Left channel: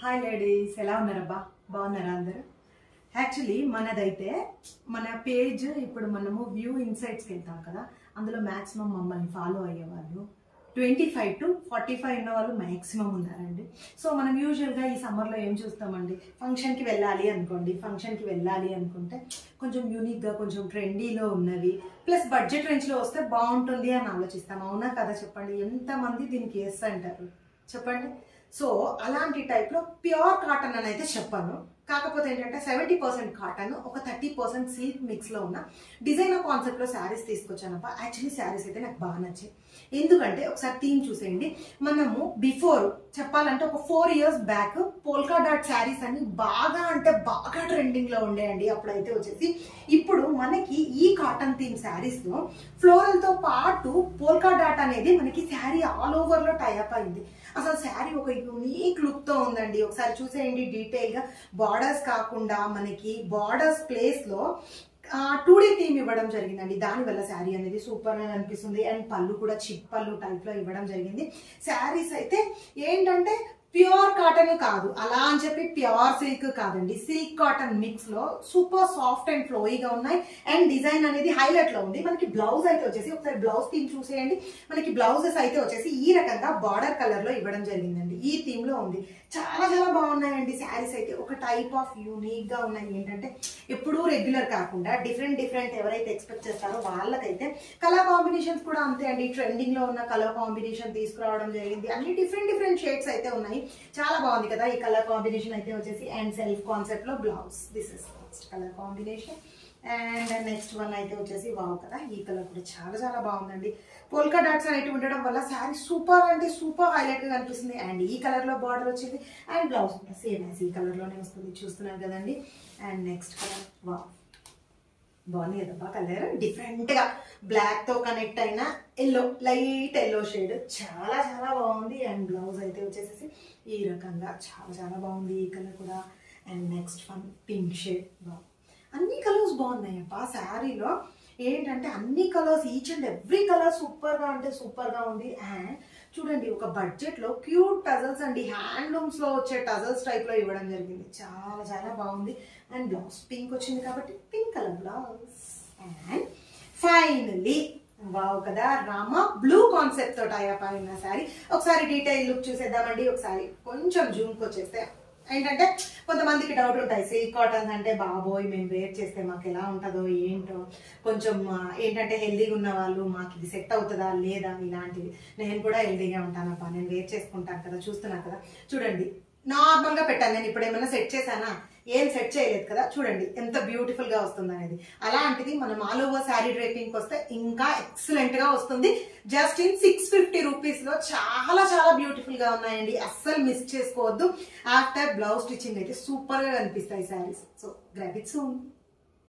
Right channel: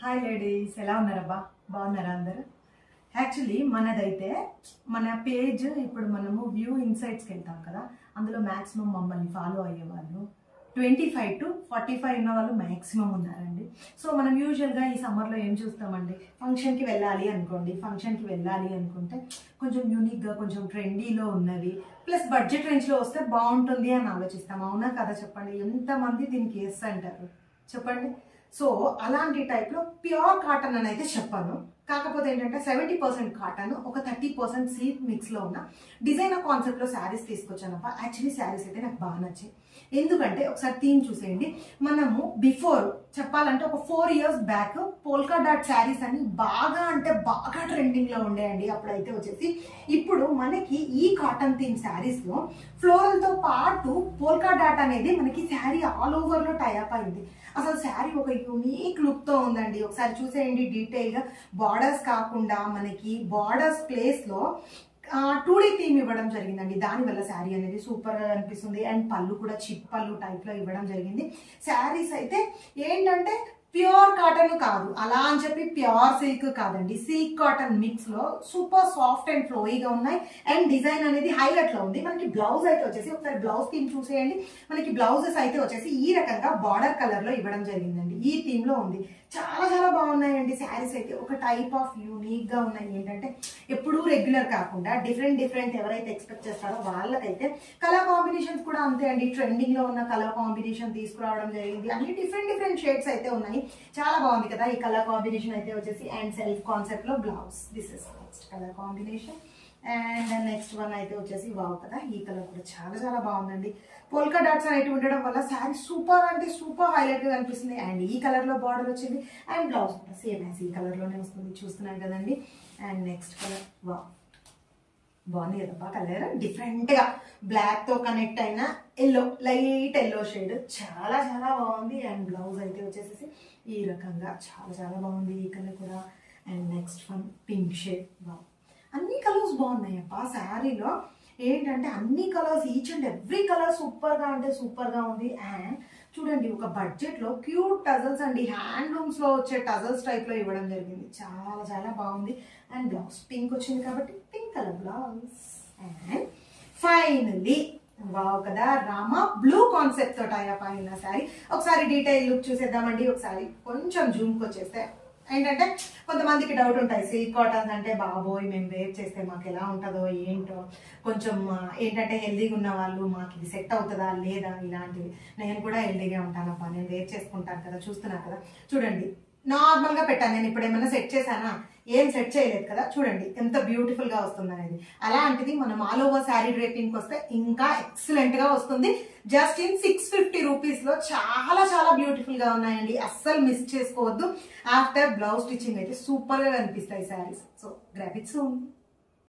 Hi ladies, ఎలా ఉన్నారబ్బా? బాగున్నారా అందరు? యాక్చువల్లీ మనదైతే మన పేజ్ ఇప్పుడు మనము వ్యూ ఇన్సైట్స్కి వెళ్తాం కదా, అందులో మ్యాక్సిమం మమ్మల్ని ఫాలో అయ్యేవాళ్ళు 25 to 45 ఉన్న వాళ్ళు మ్యాక్సిమం ఉన్నారండి. సో మనం యూజువల్గా ఈ సమ్మర్లో ఏం చూస్తామండి, ఫంక్షన్కి వెళ్ళాలి అనుకోండి, ఫంక్షన్కి వెళ్ళాలి అనుకుంటే కొంచెం యూనిక్గా కొంచెం ట్రెండీలో ఉన్నవి ప్లస్ బడ్జెట్ రేంజ్లో వస్తే బాగుంటుంది అని ఆలోచిస్తాం. అవునా కదా? చెప్పండి, ఎంతమంది దీనికి ఎస్ అంటారు చెప్పండి. సో అలాంటి టైప్లో ప్యూర్ కాటన్ అని అయితే చెప్పాను. కాకపోతే ఏంటంటే 70% కాటన్, ఒక 30% సిల్క్ మిక్స్లో ఉన్న డిజైనర్ కాన్సెప్ట్లో శారీస్ తీసుకొచ్చానప్ప. యాక్చువల్లీ శారీస్ అయితే నాకు బాగా నచ్చాయి. ఎందుకంటే ఒకసారి థీమ్ చూసేయండి. మనము బిఫోర్ చెప్పాలంటే ఒక 4 years back polka dot saris అని బాగా అంటే బాగా ట్రెండింగ్లో ఉండేయండి అప్పుడైతే వచ్చేసి. ఇప్పుడు మనకి ఈ కాటన్ థీమ్ శారీస్లో ఫ్లోరల్తో పాటు పోల్కా డాట్ అనేది మనకి శారీ ఆల్ ఓవర్లో టైఅప్ అయింది. అసలు శారీ ఒక యూనిక్ లుక్తో ఉందండి. ఒకసారి చూసేయండి డీటెయిల్గా. బార్డర్స్ కాకుండా మనకి బార్డర్స్ ప్లేస్లో 2D థీమ్ ఇవ్వడం జరిగిందండి. దానివల్ల శారీ అనేది సూపర్గా అనిపిస్తుంది. అండ్ పళ్ళు కూడా చిప్ పళ్ళు టైప్లో ఇవ్వడం జరిగింది. శారీస్ అయితే ఏంటంటే ప్యూర్ కాటన్ కాదు, అలా అని చెప్పి ప్యూర్ సిల్క్ కాదండి, సిల్క్ కాటన్ మిక్స్ లో సూపర్ సాఫ్ట్ అండ్ ఫ్లోయిగా ఉన్నాయి. అండ్ డిజైన్ అనేది హైలైట్ లో ఉంది. మనకి బ్లౌజ్ అయితే వచ్చేసి ఒకసారి బ్లౌజ్ థీమ్ చూసేయండి. మనకి బ్లౌజెస్ అయితే వచ్చేసి ఈ రకంగా బార్డర్ కలర్ లో ఇవ్వడం జరిగిందండి. ఈ థీమ్ లో ఉంది. చాలా చాలా బాగున్నాయండి శారీస్ అయితే. ఒక టైప్ ఆఫ్ యూనిక్ గా ఉన్నాయి. ఏంటంటే ఎప్పుడూ రెగ్యులర్ కాకుండా డిఫరెంట్ ఎవరైతే ఎక్స్పెక్ట్ చేస్తారో వాళ్ళకైతే కలర్ కాంబినేషన్స్ కూడా అంతే అండి. ట్రెండింగ్ లో ఉన్న కలర్ కాంబినేషన్ తీసుకురావడం జరిగింది. అన్ని డిఫరెంట్ షేడ్స్ అయితే ఉన్నాయి. చాలా బాగుంది కదా ఈ కలర్ కాంబినేషన్ అయితే వచ్చేసి. అండ్ సెల్ఫ్ కాన్సెప్ట్ లో blouse, this is next colour combination. And next one అయితే వచ్చేసి వావ్ కదా, ఈ కలర్ కూడా చాలా చాలా బాగుందండి. పోల్కా డాట్స్ అనేవి ఉండడం వల్ల శారీ సూపర్ అంటే సూపర్ హైలైట్ గా కనిపిస్తుంది. అండ్ ఈ కలర్ లో బార్డర్ వచ్చింది. అండ్ బ్లౌజ్ కూడా సేమ్ యాజ్ ఈ కలర్ లోనే వస్తుంది, చూస్తున్నారు కదండి. అండ్ నెక్స్ట్ కలర్ వావ్, బాగుంది కదబ్బా కలర్. డిఫరెంట్ గా బ్లాక్ తో కనెక్ట్ అయిన ఎల్లో, లైట్ ఎల్లో షేడ్, చాలా చాలా బాగుంది. అండ్ బ్లౌజ్ అయితే వచ్చేసి ఈ రకంగా చాలా చాలా బాగుంది ఈ కలర్ కూడా. And next one pink shade. Wow, అన్ని కలర్స్ బాగున్నాయి అప్ప శారీలో. ఏంటంటే అన్ని colours, each and every colour సూపర్గా అంటే సూపర్గా ఉంది. అండ్ చూడండి ఒక బడ్జెట్లో క్యూట్ టజల్స్ అండి, హ్యాండ్లూమ్స్లో వచ్చే టజల్స్ టైప్లో ఇవ్వడం జరిగింది. చాలా చాలా బాగుంది. అండ్ బ్లౌజ్ పింక్ వచ్చింది కాబట్టి pink colour blouse. And finally wow కదా, రామా బ్లూ కాన్సెప్ట్ తో టైఅప్ అయిన శారీ. ఒకసారి డీటెయిల్ లుక్ చూసేద్దామండి. ఒకసారి కొంచెం జూమ్కి వచ్చేస్తే ఏంటంటే కొంతమందికి డౌట్ ఉంటాయి, సిల్క్ కాటన్ అంటే బాబోయ్ మేము వేర్ చేస్తే మాకు ఎలా ఉంటుందో ఏంటో, కొంచెం ఏంటంటే హెల్దీగా ఉన్న వాళ్ళు మాకు ఇది సెట్ అవుతుందా లేదా ఇలాంటివి. నేను కూడా హెల్దీగా ఉంటానప్పా, నేను వేర్ చేసుకుంటాను కదా, చూస్తున్నాను కదా. చూడండి నార్మల్గా పెట్టాను నేను. ఇప్పుడు ఏమైనా సెట్ చేశానా? ఏం సెట్ చేయలేదు కదా. చూడండి ఎంత బ్యూటిఫుల్ గా వస్తుంది అనేది. అలాంటిది మనం ఆల్ ఓవర్ శారీ డ్రేపింగ్ వస్తే ఇంకా ఎక్సలెంట్ గా వస్తుంది. జస్ట్ ఇన్ 650 రూపీస్ లో చాలా చాలా బ్యూటిఫుల్ గా ఉన్నాయండి. అస్సలు మిస్ చేసుకోవద్దు. ఆఫ్టర్ బ్లౌజ్ స్టిచ్చింగ్ అయితే సూపర్ గా కనిపిస్తాయి saris. So grab it soon.